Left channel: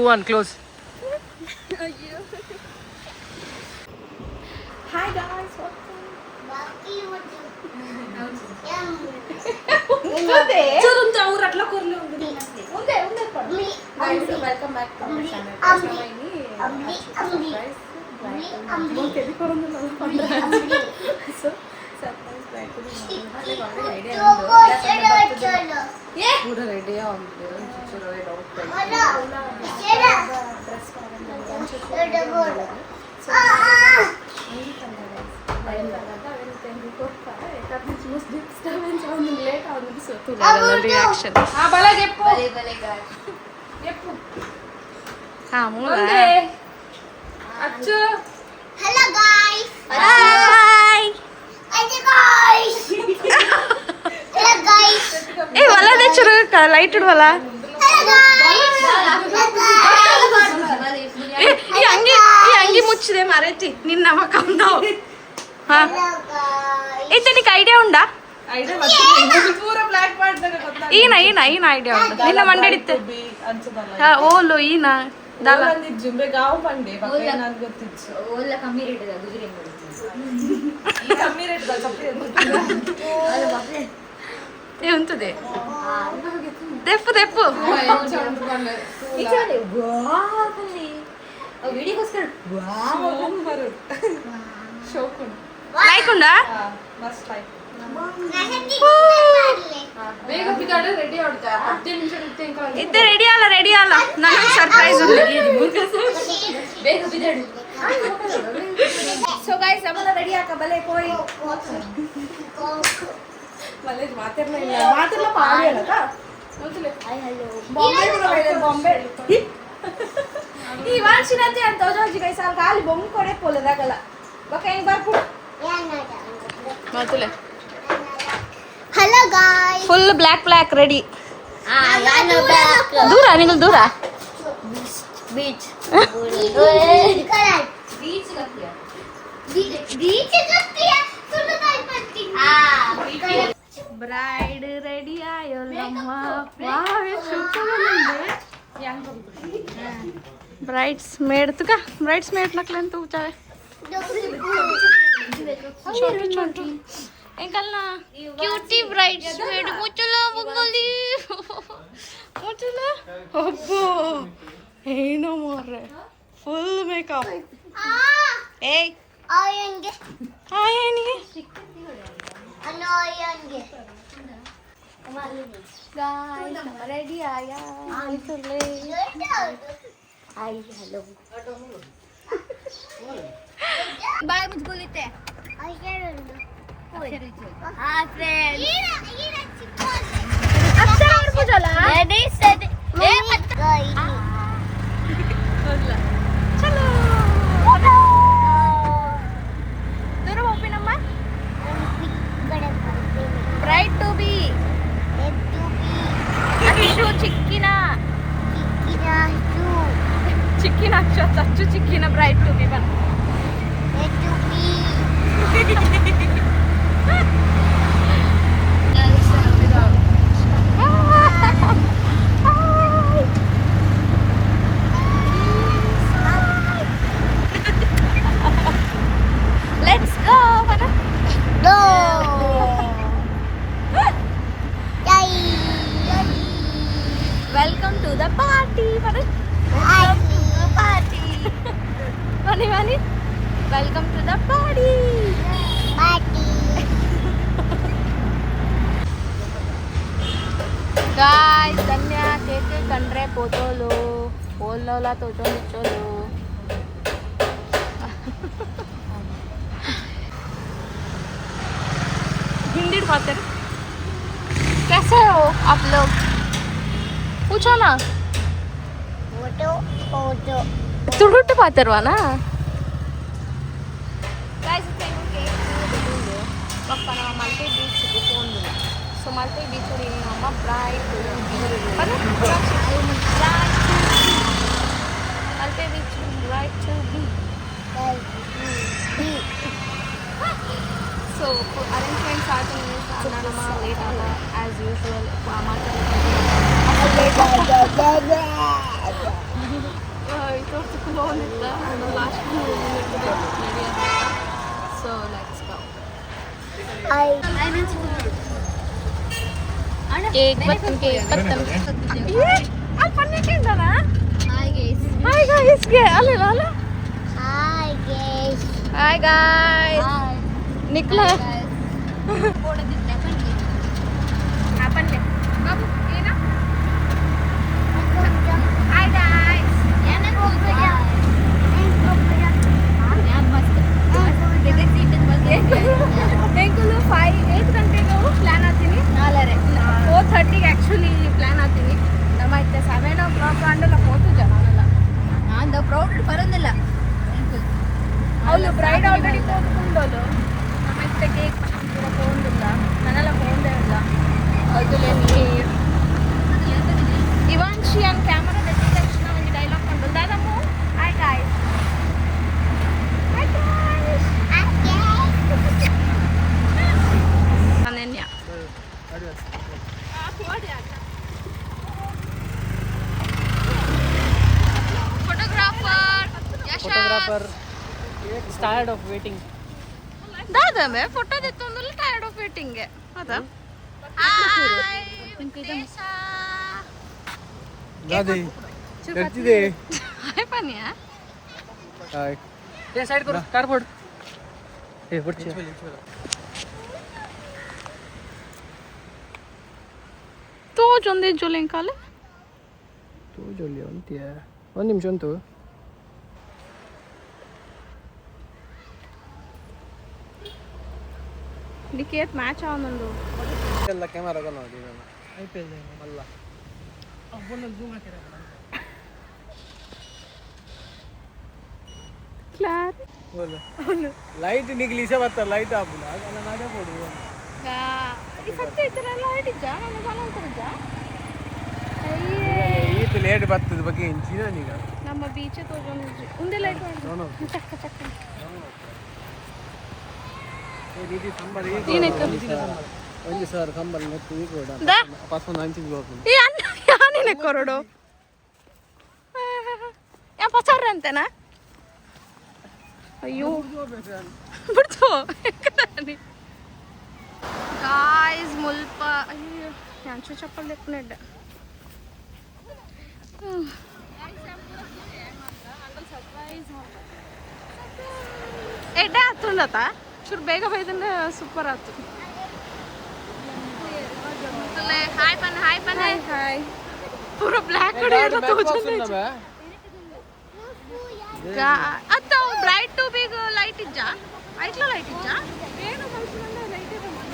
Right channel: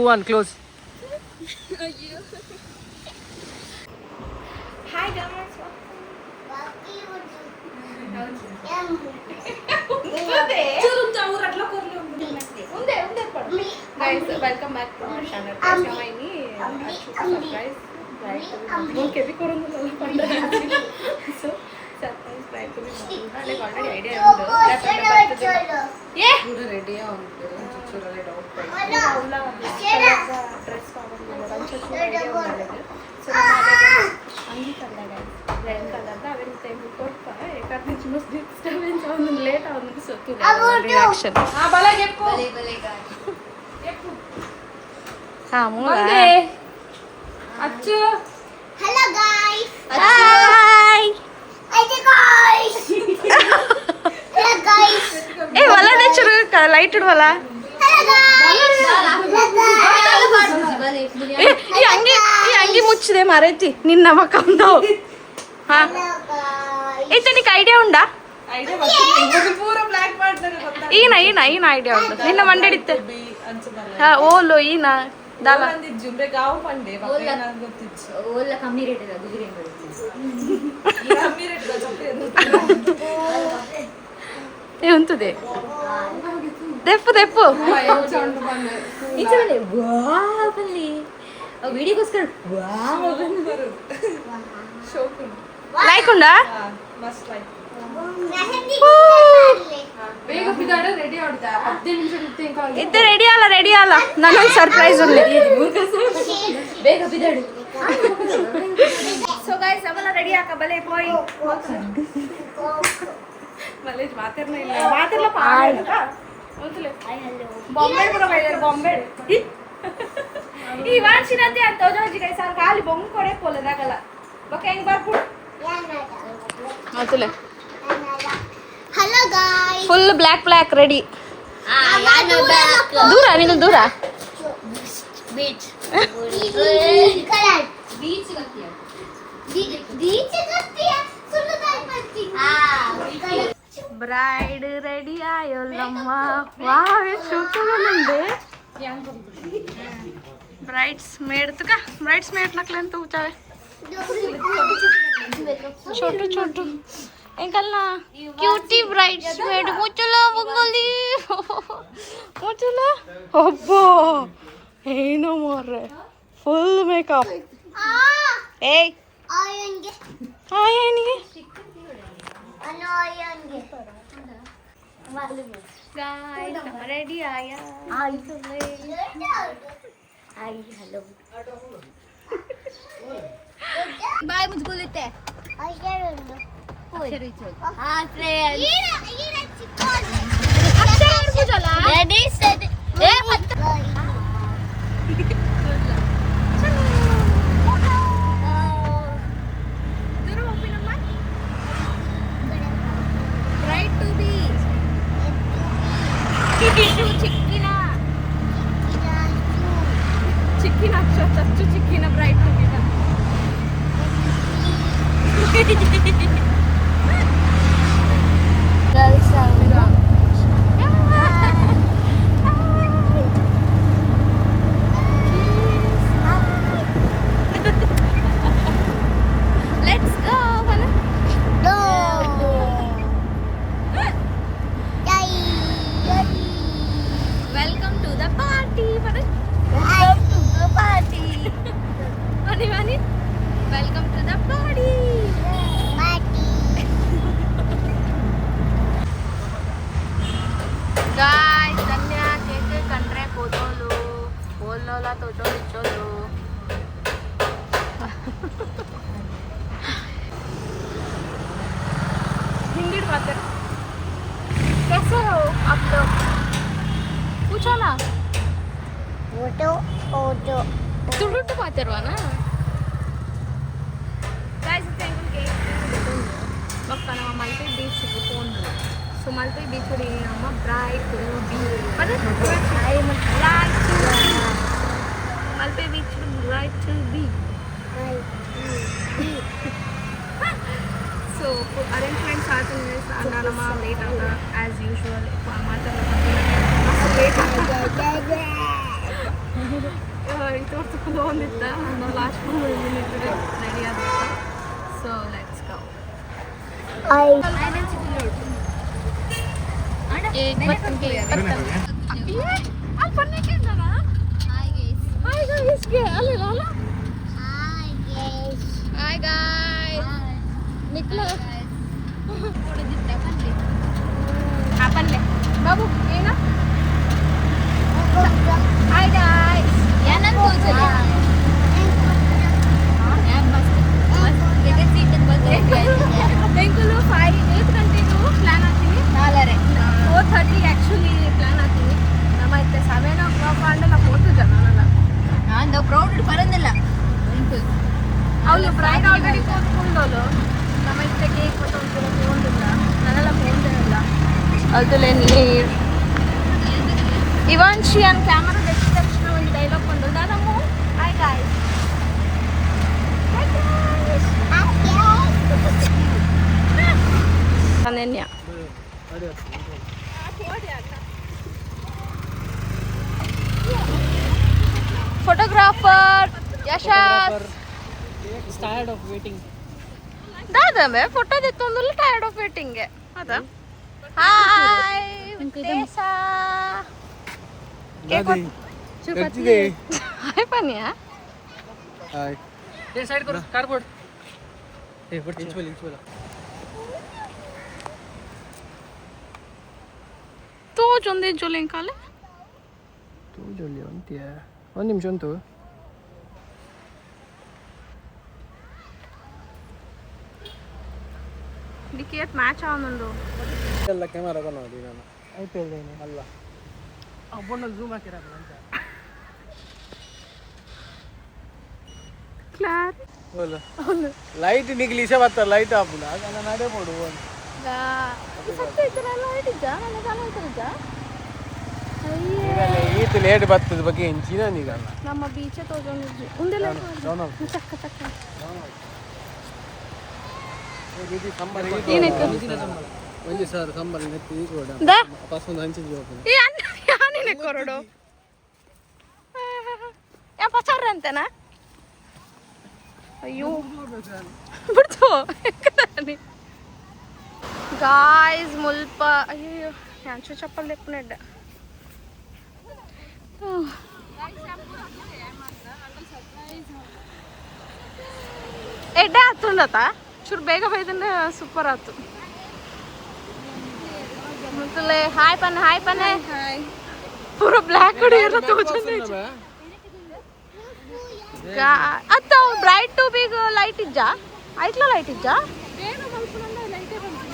1 close. Hi guys. Guys, welcome back to our channel. Sama ini surprise bride mau kebi korongula so surprise bride to be already idea undo that yeah pura ready undo chuchuru doubt dress ಕಾಣಲ್ಲ chuchuru ready undo so ಅಂಗಿ ತಂದ guys red colour ಅವೆಲ್ಲ ತೆಂಗಿ ಕೊಡ್ತಾ ಯಾಕಂದ್ರೆ choose disturbance ಅವನು late ಅವನಿಗೆ ಸೋತು reaction ಆ ಬಲೆ ಜೆಪ್ಪು ಬಲೆ ಜೆಪ್ಪು ಹಾ ಮೂಲ ಅಚ್ಚು Hello guys. Hi Hello guys. ಏ ವಲದೆ ಚುರು ಲೈಟ್ ಇಡ್ವಲ್ಲ Hello guys. ಈ ಅಂಗಿ ಮುಚ್ಚಿದೆ ಮರೈತಿ ನಿನ್ನ ಮಕ್ಕಂದು ಹಾ Hello guys. ಐತೆ ನಿಕ್ಕೆ ಐಡಿಯಾ ಉಂಡಾ ಪೂರಾ ಬ್ಲಾಕ್ ಮಾಡ್ತಾರೆ ಗೊತ್ತಾ ಈನ ಐಡಿಯಾ ಉಂಟು ನಿನ್ನ ಮಂಡಡಿತ್ತೆ ಹಾ ಓಲು ಈನ ದಾಲ ಜುಂಬೆ ಗಾವ್ ಬಂಡೆ ಬಗ್ಗೆ ನಾನು ಗೊತ್ತಿತ್ತು ಓಲ್ಲ ಕಮ್ಮಿ ರೇಟ್ ಇದೆ ಗುಜರಿ ಅಂಗಡಿ ಕಮ್ಮಿ ರೇಟ್ ಚಪ್ಪಲಿ ಏ ಉಂತದೆ ದೆಪ್ಪು ದೆಪ್ಪು ಈಚೆ ವಾವಲ್ಲಿ ನಾವು ವಿಡಿಯೋಗೋಸ್ಕರ ಶೋಕು ಲೈಕ್ ಉಂಡಾ ಮಸ್ಟ್ ಲೈಕ್ ಬೇಗ ಬಿದ್ದಾಡ ರೆಡಿ ಆಡ್ತಾ 10 ನಿಮಿಷ ಇರ್ತೀನಿ ಇದ್ದೆ ರೆಡಿ ಅಲ್ಲ ನನಗೊಂದು ಸರ್ಪ್ರೈಸ್ ಉಂಡೆ ಬೇಗ ಬಿದ್ದಾಡು ಸೊ ಗೈಸ್ ಅವಲ್ಲ ರೆಡಿ ಆಕ ಬಲೆ ಪೋಯಿ ಮಲೆ ಮಾತಿರ್ಲ ಪಾಡೇನತ ಬಾಂಬೆ ಕೂಡ ಬೈದಾರೆ ಬಾಂಬೆ ಈ ವಾನ್ಸಿನಂತೆ ಅಂತ ಹೋಜಿ ಗೈಸ್ ಅಲ್ಲಿ ಖಾಲಿ ಬೊಂಗ್ ಕೊಡೆ ಪೋಲೆದಾಗಲ್ಲ ಬಕ ಹೆಂಗ್ ಬರ್ಬಿಡು ಮಾತುಲೆ Hello guys. Full black ready ದೂರ ನೀವು ದೂರ ಬೀಚ್ Color. ಬೀಚ್ ಗಪ್ಪಿಯ Beach is ಸುಳ್ಳು ಕಾಯ್ಪತ್ತಿ. ಬ್ರೈಡ್ ರೆಡಿ ಆಯೋಲ್ಲಮ್ಮ ವಾವ್ ಎಷ್ಟು ಸೂಪರ್ ಬ್ರೈಡ್ಸ್ ಮೇಡ್ ತುಕ ಬ್ರೈಡ್ಸ್ ಮೇಡ್ ನಕ್ಲೆ ಅಂತ ಊಚಾವೆ छोटू अंकल ना क्यूटी ब्राइड्स मेड मुचला बंगाली मुचला अब्बा ಏನು ಮಾರ್ರೆ ಫುಲ್ ಮೇಕಪ್ ಏಯ್ ಆಯಂಗೆ ಆಯನಿಗೆ ಅನಾಯಂಗೆ ಗಾಯ್ಸ್ ನಮ್ಮ ರೆಡಿ ಆಯ ಹಾಯ್ ಹಲೋ ಬಾಯ್ ಮುಚ್ಕೊಳ್ಳುತ್ತೆ ಅಕ್ಷರ ಹಾಯ್ ಫ್ರೆಂಡ್ಸ್ ಈರ ಚಿಕ್ಕ ಅಕ್ಷರ ಇರ್ಬೋದಲ್ಲ ರೆಡಿ ಸೆಟ್ ಏ ಮತ್ತೆ ದೂರ ಓಪನ್ ಅಮ್ಮ ಬ್ರೈಡ್ ಟು ಬಿ ಚಿಕ್ಕಿನ ಅಕ್ಷರ ಚಚ್ಚು ಚಿಕ್ಕಿನ ಬ್ರೈಡ್ ಟು ಬಿ ಬಾ Let's go, Mana. Go. Welcome to the party, Mana. Party. Mani. Welcome to the party. Party. Guys, Tanya keke kanre potolu. Polnola toto nicholu. Hindi बातें कैसे हो आप लोग पूछो ना Foto. ತುಡುಟ್ಟು ಪಾತಿರ್ವಾನಾ ಒಕ್ಕ ನಮ್ಮ ಮಲ್ಪೆ ಬೀಚ್ಗೆ ಹೋಗಿ ಸೊ ಮಲ್ಪೆ ಬೀಚ್ ನಮ್ಮ bright Malpe beach bright to be so arrangements ಆಯ್ತು ಅನ್ನ ನಮ್ಮ ಲೇಟ್ ಆಗ ಆ್ಯಸ್ ಯೂಶ್ವಲ್ ಮಾತಾಡೋದು ಲೇಟ್ ಆಗ ಬಾಗುಂದಿತ್ತ ನಾನು ಲಾಸ್ಟ್ ಮಿನಿಟ್ ರೆಡಿ ಆಗುತ್ತೆ ಸೊ ಲೆಟ್ಸ್ ಗೋ ಕೇಕ್ ಬರ್ತಂಗೆ ಅಲ್ಲಿ ಪನ್ನೀರ್ ಇದ್ದಾನ ಹಾಯ್ ಗಾಯ್ಸ್ಗೆ ಅಲ್ಲ ಅಲ್ಲ ಹಾಯ್ ಗಾಯ್ಸ್ ನಿಕ್ಲ ಪಲ್ಲೆ ಬಾಬು ಏನ ಹಾಯ್ ಗಾಯ್ಸ್ ಬೆಂಗಳೂರು 8 ಗಂಟೆಗೆ ಪ್ಲಾನ್ ಆಗ್ತೀನಿ 4:30 ಆ್ಯಕ್ಚುಲಿ ಪ್ಲಾನ್ ಆಗ್ತೀನಿ ನಮ್ಮೈತೆ 7 o'clock ಅಂಡೆಲ್ಲ ಹೋತು ಜನನಲ್ಲ ನಾನು ಪ್ರೌಡ್ ಬರೋದಿಲ್ಲ ಅವಳು ಬ್ರೈಡ್ ಆಲ್ರೆಡಿ ಕೂತ್ಕೊಂಡವಳು ನಮ್ಮೈತೆ ಕೇಕ್ ಮತ್ತೊಂದು ಕೂಡ ಫೋನ್ದಿಲ್ಲ ನನ್ನೆಲ್ಲ ಫೋನ್ದೇನಿಲ್ಲ ಅದ್ರಲ್ಲಿ ಇವಾನ್ಶಿ ಅಂಡ್ ಕ್ಯಾಮರಾ ಗೊತ್ತಿದ ತಕ್ಷಣ ಒಂದು ಡೈಲಾಗ್ ಕೊಂಡು ದಾದಮ್ಮು hi guys Ananya photographer Yashas tired of waiting ದಾದಮ್ಮೆ ಫೋಟೋ ತೆತ್ತೊಂದು ಟೈರ್ಡ್ ಆಫ್ ವೇಟಿಂಗ್ ಅದ ಹಾಯ್ ದೇಶಾ करती ಹಾಯ್ ಪನ್ಯಾ हाय ये साइड करो कारपोर्ट ए ಬರ್ತಿ ತೋ ಜೊಂದೆ ಜೊಲೆಂ ಕಾಲೆ ತೋ ಜೊಲಿ ಅಂತ್ಯ ಒಂದು ನಿಮಿಷ ಅಂತು ಡಿಕೇಟ್ ಮ್ಯಾಚ್ ಆವೊಂದು ಎಲ್ಲ ಕ್ಯಾಮೆರಾ ಕಲ್ಲ ನೋಡಿ ನಾನು ಐಪಿಎಲ್ ಅಲ್ಲ ಅಬ್ಬನಲ್ಲಿ ಜೂಮ್ ಹಾಕಿರ ಕ್ಲಾರ್ बोलो लाइट निकली से बात लाइट आप ना नाडे पड़ो ಈ ಸತ್ಯ ಇತರ ಲೈಟ್ ಇದ್ದ ನನ್ನ ಚಾನಲ್ ಇದ್ದ ಅಯ್ಯೇ ಈತ ಲೇಟ್ ಬರ್ತದ ಬಗ್ಗೆ ಎಂಚಿನ ನೀಗ ನಮ್ಮ ಬೀಚ್ ತೋಜೊಂದು ಉಂದೆ ಲೈಟ್ ಮಾಡಿ ಚಕ್ಕ ಚಕ್ಕ ಇದು ಸಂಬಳ ಏನಕ್ಕೆ ಒಂದು ಸರ್ ಸಂಬಳ ನೆತ್ತು ಈಗ ಕೊಡ ದ ಪಾಸ್ಪೋರ್ಟ್ ಹಂಚಿಗೆ ಹೋಗ್ತೀನಿ ಈ ಅನ್ನ ಯಾನೇನೆ ಕೊರಡು ಯಾ ಪಚಾರ ಅಂತನಾ ಅಯ್ಯೋ ಬಿಡ್ತು ಗಾಯ್ಸ್ ಮುಲ್ಪ ಅಯ್ಯೋ ಯಾಂಚೆ ಚಪ್ಪಲ್ ಲೆಕ್ಕನೆಡ್ಡ ಎಡ್ಡ ಆತುಂಡತ ಚೂರು ಬೇಗ ಬೈದಂದ್ರೆ ಸೂಪರ್ ಆತು ಮತ್ತೆ ಹಾಯ್ ಪನ್ನೆ ಹಾಯ್ ಪೂರ ಬ್ಲ್ಯಾಕ್ ಹೊಡೆಯೋದು ತಗೋಚಂದ ಅತ್ತ ಬ್ರೈಟ್ ಟು ಬಿಗ್ ಲೈಟ್ ಇಜ್ಜಾ ಐಟ್ಲ ಲೈಟ್ ಇಜ್ಜಾ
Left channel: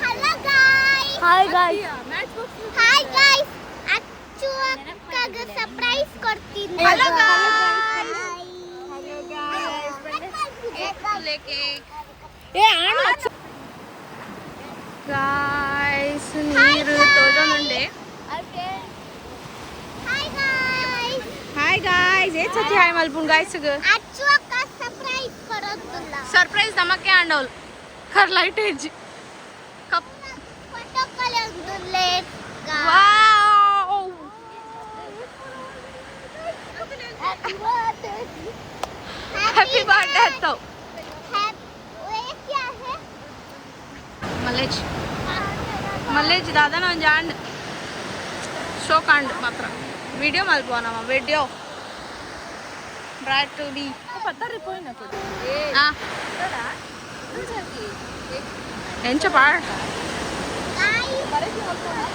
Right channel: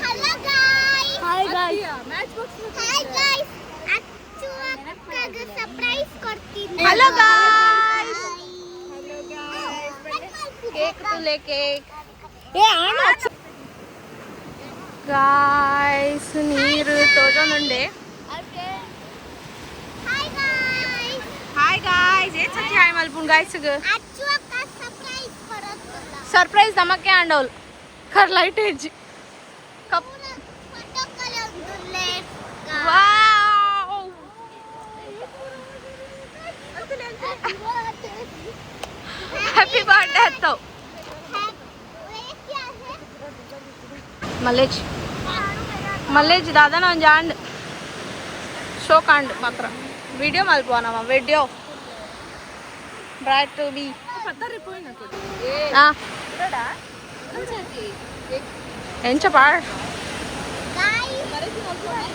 Hello guys. Hi guys Hi guys. ಅಚ್ಚು ಅಕ್ಕಗೆ ಸರ್ಪ್ರೈಸ್ ಕೊಡ್ತೀನಿ. Hello guys. Hello guys. Cake ತುಲೆ ಕೇಕ್ ಏ ಆಣ ಗಾಯ್ಸ್ ನೀರು ತೋಜೊಂದುಂಡೆ Hi guys. ಹಾಯ್ ಗಾಯ್ಸ್ ಏ ಸತಿ ಹಾಯ್ ಮಲ್ಪುನ್ ಗಾಯ್ಸ್ ಅಚ್ಚು ಅಕ್ಕ ಸರ್ಪ್ರೈಸ್ ಕೊಡ್ತಿಲ್ಲ. ಸರ್ಪ್ರೈಸ್ ನಮಕ್ಕೆ ಆಂಡೋಲ್ ಕರ್ ಲೈಟ್ ಏಜ್ ಕಪ್ ಫೋಟೋ ಕಲೆಂದುಲ್ಲೆ. ವಾವ್ हैप्पी बर्थडे तो ये क्या है? ಮಲ್ಲೇಜ್ ದಾದನ ಒಂದು ಜಾಂಡ್ ಶೋ ಕಾಂಡ್ ಮಾತ್ರ ವಿಡಿಯೋ ಮಲ್ಪುವ ನಮ್ಮ ವಿಡಿಯೋ ಬ್ರೈಟ್ ಟು ಬಿ ಎಂಚ ಪಾಡ್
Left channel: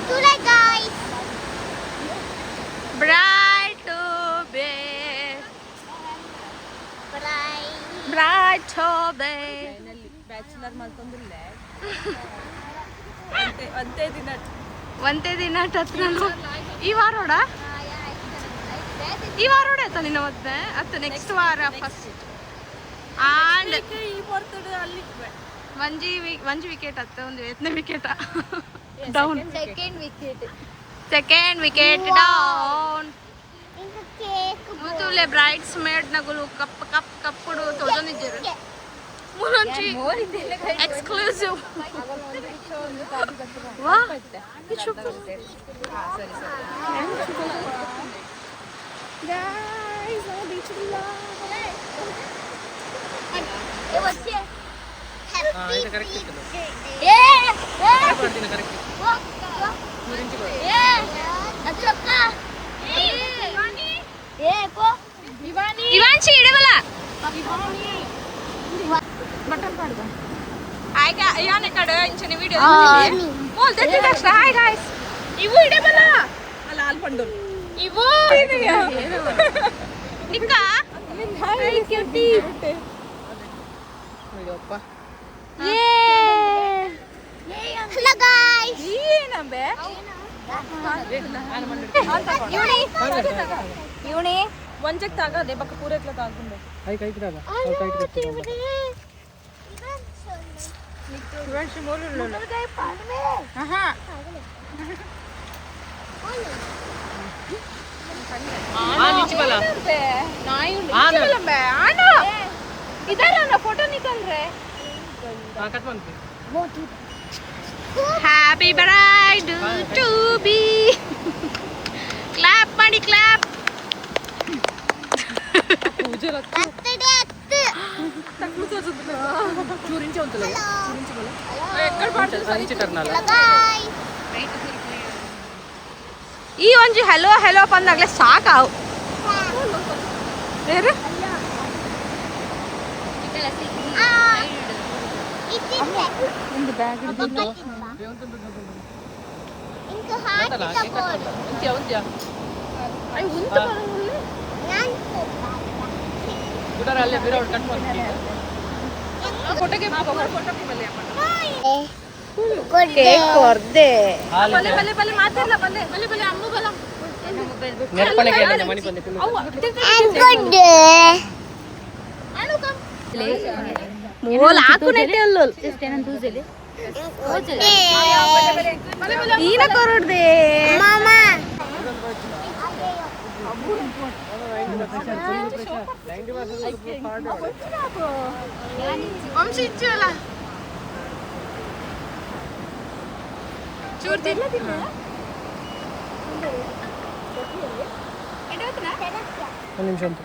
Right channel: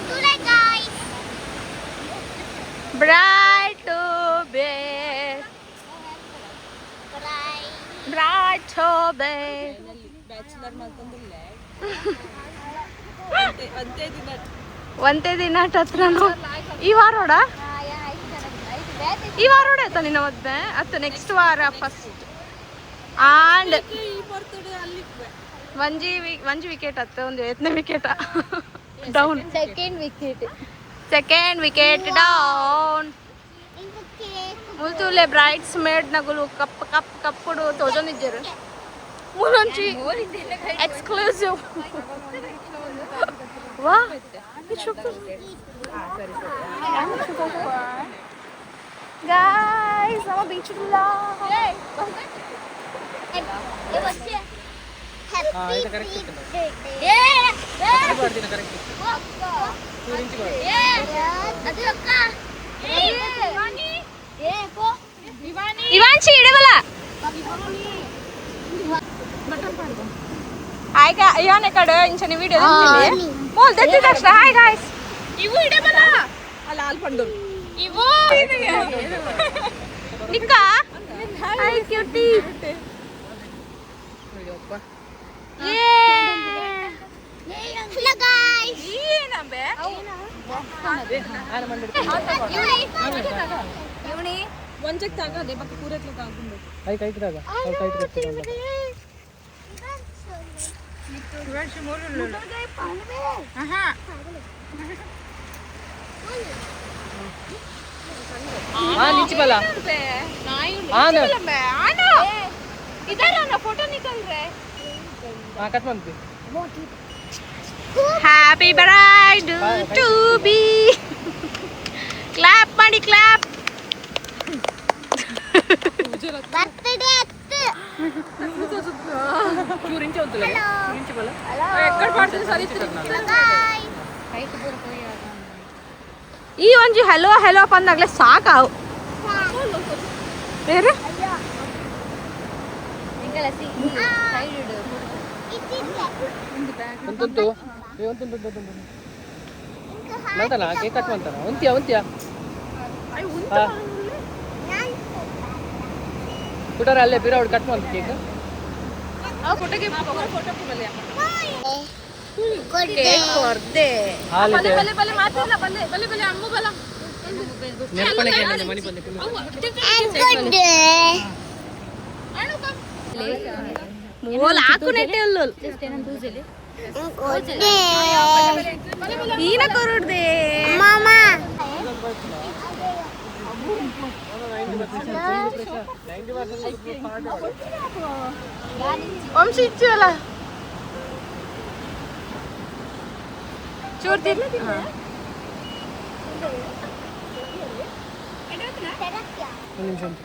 Today guys. Bright to be bright to be ಒಂದೇ ದಿನ ಹತ್ರ ಈ ವಾರೋಡ ಆಯ್ತಾ ನಿನ್ನ ಮದ್ವೆ ಅತ್ತ ನೆಕ್ಸ್ಟ್ ವಾರ ಫಸ್ಟ್ ಆಂಡ್ ಒಂಜಿ ವಿಕೆಟ್ ಅತ್ತ ಒಂದು 8ನೇ wicket down second wicket down ಇಂದು ಕೇಕ್ ಮುಲ್ತುಲೆ ಬ್ರೈಟ್ಸ್ ಮೇಡ್ ನಗುಲು ಕಪ್ಪುಡು ತೋಜೊಂದಿಜ್ಜರು ಮುಲಂಚಿ ಎಕ್ಸ್ಕ್ಲೂಸಿವ್ ವಾ guys, sama beach vlog. इवांशी इडे मला हाय का याने कडे इंचने व्हिडिओ बोल देते दक्ष हाय गाइस इवू इडे मला लाल पंडू इवू निका हाय क्यूटी Hello guys. ಇವನಿ ಒಂಚಕ್ ತಾಗದೆ ಬಕ್ಕ ಪೂರತ್ಲ ತಾಗಂಡು ಕೈ ಕೈ ಇಟ್ರಾಗ ಕೈ ಇಟ್ಕೊಳ್ತೀನಿ ಶಿವಾಶಿ ಮೋರಲ್ಲ ಆಹಾ नीचे वाला फोटो निकल रहे हाँ Happy birthday to be clap money clap चुरींचे होतं चुरींचे बोला ಈ ಒಂಜಿ ಹೆಲೋ ಹೆಲೋ ಬಂದಾಗಲೇ ಸಾಕಾವು ಬೇರೆ ಅಲ್ಲೇ ಬೇರೆ ಅವ್ರು ಕಟ್ ಮಾಡ್ತೀವಿ ಕೇಕ್ ಕೊರ್ದೆ ಮೂಲ ಹಾಕು ನೆಟ್ಟೆ ಅಲ್ಲೋ ನೀನ ಕೊರಡ್ದೆ Mama. ವಂಶಿ ಇಚ್ಚಲ್ಲ ಚೂರ್ ತಿರ್ಲಿ ಒಂದು ನಿಮಿಷ ಅಂತ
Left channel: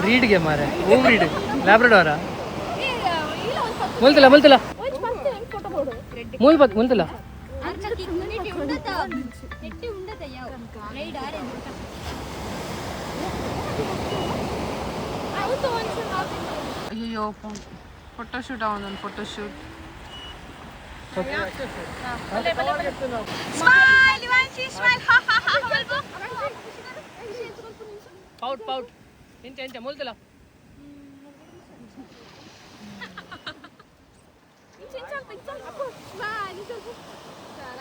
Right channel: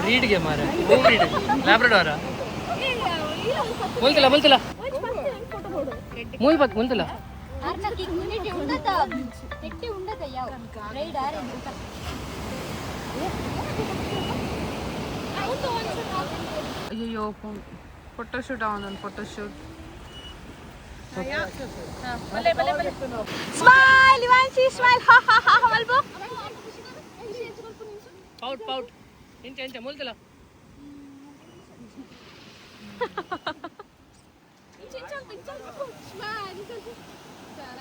ಬ್ರೀಡ್ಗೆ ಮಾರ ಬ್ರೀಡ್ ಲ್ಯಾಬ್ರಡಾರ ಮುಲ್ತಿಲ್ಲ ಮುಲ್ತಿಲ್ಲ ಮೂಲ್ ಬತ್ ಮುಲ್ತಿಲ್ಲ ಅಯ್ಯೋ ಫೋಟೋಶೂಟ್ ಅವನೊಂದು ಫೋಟೋಶೂಟ್ ಸ್ಮೈಲ್ ಇವಾನ್ಸಿ ಸ್ಮೈಲ್ ಹಾ ಹಾ ಹಾ ಮಲ್ಬೋ ಪೌಟ್ ಪೌಟ್ ಇಂಚೆ ಇಂಚೆ ಮುಲ್ತಿಲ್ಲ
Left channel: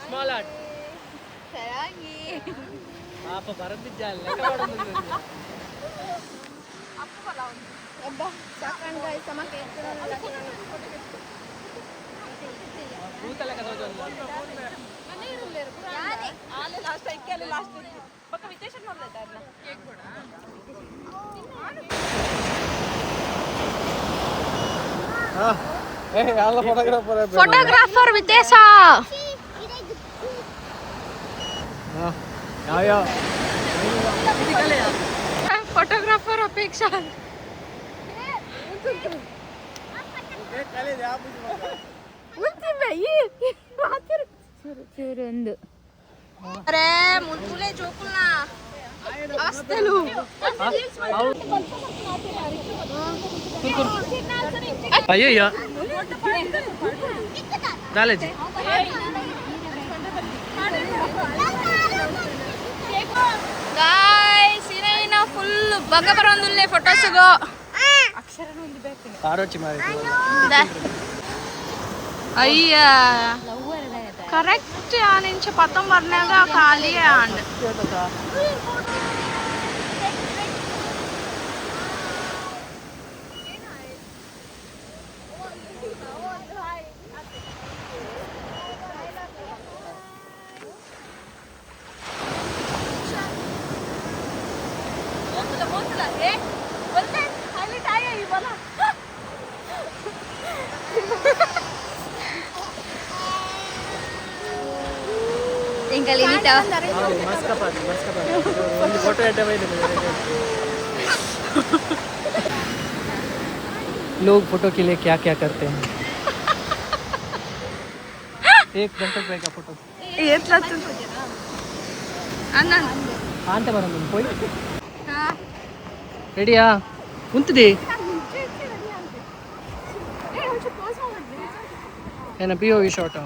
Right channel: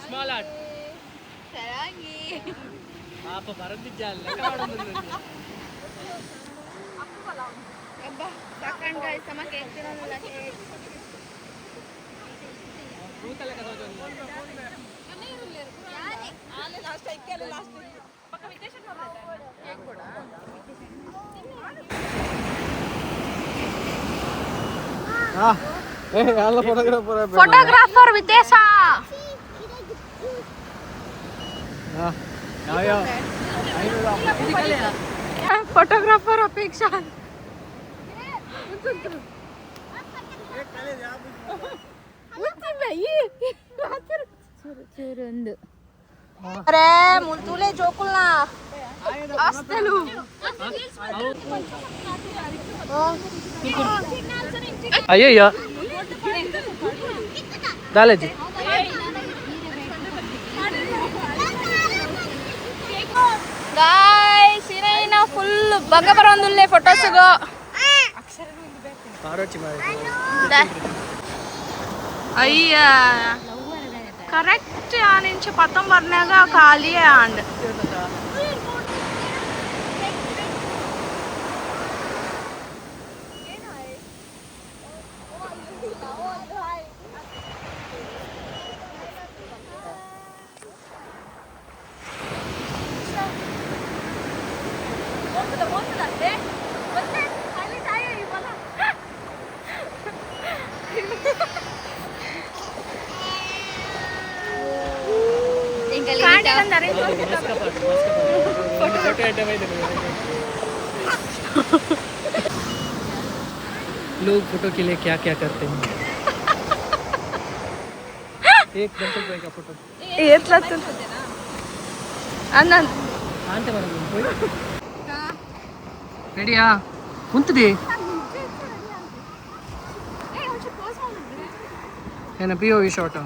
ಸ್ಮಾಲ್ ಆರ್ಟ್ ಪಾಪ ಬರದಿದ್ದಲ್ಲ ಸಾಕಂಡ್ ಗಾಯ್ಸ್ ಸಮ ಕೇಕ್ ತಿನ್ನೋಲ್ಲ ಫೋಟೋಗ್ರಾಫರ್ ವಿದೇಶ ಫೋಟೋಗ್ರಾಫರ್ ಅಪೇಕ್ಷಾ ಚೂರೊಂದು ಅರೆ ಮುಂತೂಲೆ ಜೋಕುಲ್ನ ಅಸ್ತಲು ಅಯ್ಯಯ್ಯೋ ದಾಲೇಜಿ ಗಾಯ್ಸ್ ಇನ ಫುಲ್ ಬಂಗ ಬರೋಂದುಲ್ಲೆ ಫೋಟೋಸ್ಗು ಆರೋಚಿ ಮಾಡಿ ಅಯ್ಯ ಕರೆಕ್ಟ್ ಆ ನಿಂಚ 19ನ್ಯಾಗ ಖಾಲಿ ಆಂಡ್ ఇంకా मस्त फोटो लोग फोटो के लिए क्या क्या करते हैं. एक घंटे का फोटो ఎట్లా అన్న ಅಂತ ಬರಲ್ಲ పోయి ರೆಡಿಯಾ ಕುಂತಿದೆ ಏನ ಪಿ ಓ ವಿ ಶಾಟ್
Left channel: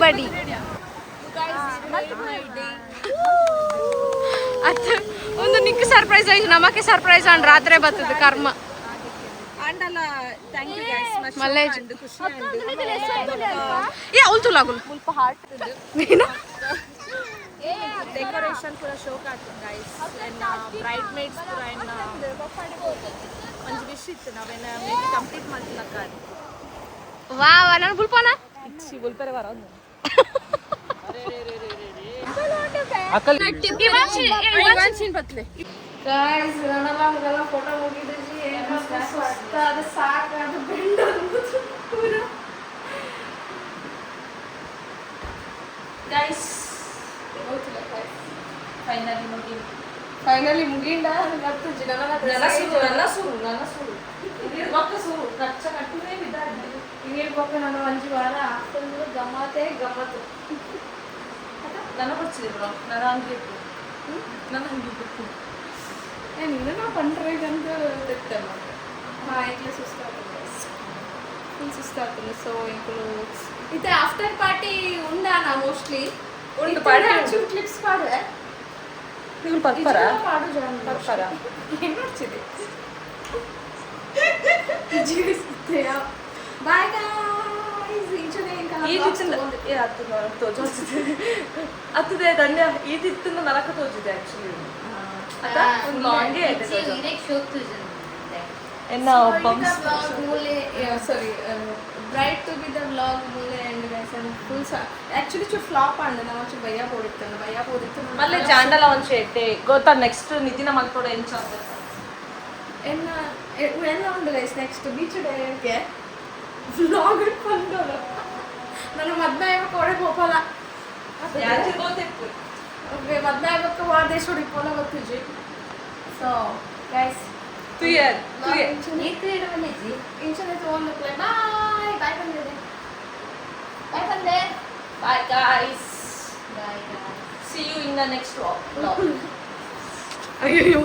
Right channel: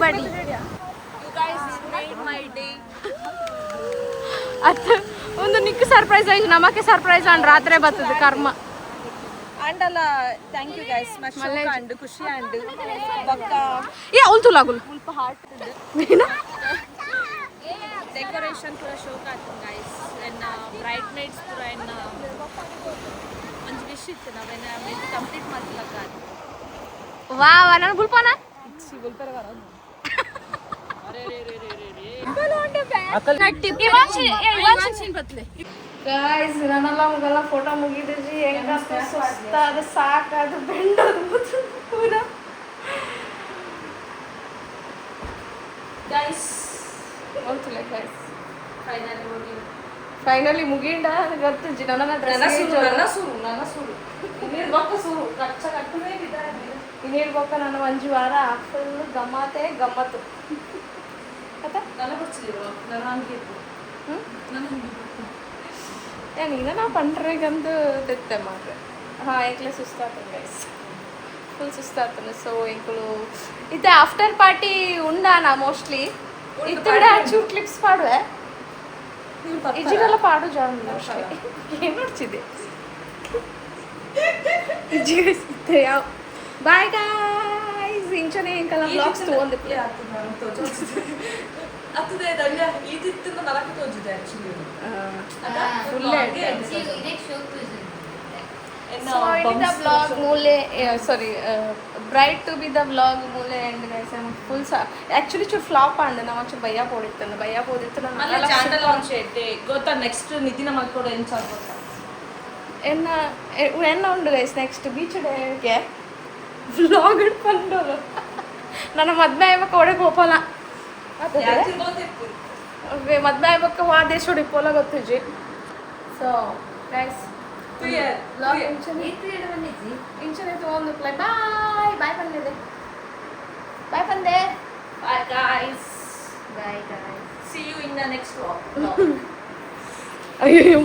ಬಡಿ ಅದು ಒಂದು ನಿಕ್ ಸರ್ಪ್ರೈಸ್ ಆಯ್ತು ನಮಕ್ಕೆ ಸರ್ಪ್ರೈಸ್ ಅಂಡ್ ರಾತ್ರಿ ಬರ್ತದೆ ಕರ್ಮ ಅಂಡಲ್ಲ ಥ್ಯಾಂಕ್ ಯು ಗೈಸ್ ಮಲ್ಲೆ ಅಂಡ್ ಖುಷಿ ಅಂಡ್ ಬೊಕ್ಕ ಏ ಅವಳು ಲಾಗುಲ್ ಮುಲ್ಪ ಹಾರ್ಟ್ ಡೆಕೋರೇಷನ್ ಪೂರ ಶೋಕ್ ಆಯ್ತು ಗೈಸ್ ಎನ್ನ ಬ್ರೈಡ್ ಮೇಡ್ಸ್ ಪೂರ ಎನ್ನ ಒಂದು ವಿಶ್ ಇತ್ತು ನಾವೇನ ಮೇಬಿ ಕಂಪ್ಲೀಟ್ ಮಾಡ್ತಿಲ್ಲಕ್ಕ ವಾ ವಾ ನಾನು ಬುಲ್ಪಾನ ಗುಲ್ಪೆರೆ ಬರೋದು ಗೈಸ್ ನನ್ನೆಲ್ಲ ಫೋಟೋ ಮುಗಿದ್ರಿ ಹೆಂಗ ಸುಸ್ತಾದ ಸಾಕಾದ ಬೆಂಡೋದು ಪೂರ ಗೈಸ್ ಫೈನಲಿ ಮುಗಿಂಡ ಗೊತ್ತು ನನ್ನ ಸುರು ನೀರು ಗೊತ್ತ ಸುರು ಕಚ್ಚ ಕಟ್ಟುವೇ ಇನ್ನೇನು ಗೊತ್ತ ನನ್ನ ಮಂಜು ವಾರ ಫುಲ್ ಗಮ್ಮತ್ತೇ ಗಮ್ಮತ್ತು ನನ್ನ ಬರ್ತಿದ್ರು ನನ್ನ ಹಂಗಿತ್ತು ನನ್ನ ಹಂಗಿತ್ತು ನೀನು ನಾ ಪಂಡ್ರಿಗಂದು ತೆತ್ತೆ ಮಾತ್ರ ಹಾಂ ಏಕ್ಲೆ ಸುಸ್ತಾಗ್ತದೆ ಗೈಸ್ ಫುಲ್ ಸುಸ್ತಾಗ್ತದೆ ಸೊ ಇಂಕುಲು ಇದು ಆಫ್ಟರ್ ಪಾರ್ಟಿ ಉಂಡಾನ ಮೋಸ್ಟ್ಲಿ ಇತ್ತಡೆ ಚೂ ಕ್ಲಿಪ್ಸ್ ಪಾಡುವೆ ಇಜಿಗೆಲ್ಲ ಪಾಡು ಜಾನ್ ಏನು ಮಾಡ್ತಿದ್ದೆ ಇಜಿಗೆ ಯಾವ ಬಾಯ್ ಗಾಯ್ಸ್ ಇಂಚನೆ ಇಂಕಲ್ಲ ಬ್ಲಾಗ್ಸ್ ತಗೊಂಡಿದ್ದೆ ಅತ್ತದೆ ಗಂಡ ಇದಿತ್ತು ನರಕ ತೋಜಿದೆ actually vlog mule sorry bride to be the vlog mule and guys I'm full actually should flop and na onchu bhaiya podittanu alle jandala on shete gota next nidina maltode encha enna undu guys next beach day ge vlog itkondu ನನ್ನ ಮದ್ವೆ ಆಯ್ಬೇಕು ಒಡೆ ಗೋಪಾಲ ಮದ್ವೆ ಆಯ್ಬೇಕು ವಾದೇಶ್ ಹೊಡಿಕೋಲ ಗೊತ್ತಿಜ್ಜಿ so guys ಇಂಚನೆ ತಗೊಂಡು play ಬಾಯ್ ಬಾಯ್ ಬಂದಿದೆ ಬಾಯ್ ಬಂದೆ bye guys see you in the next vlog ಅಯ್ಯೋ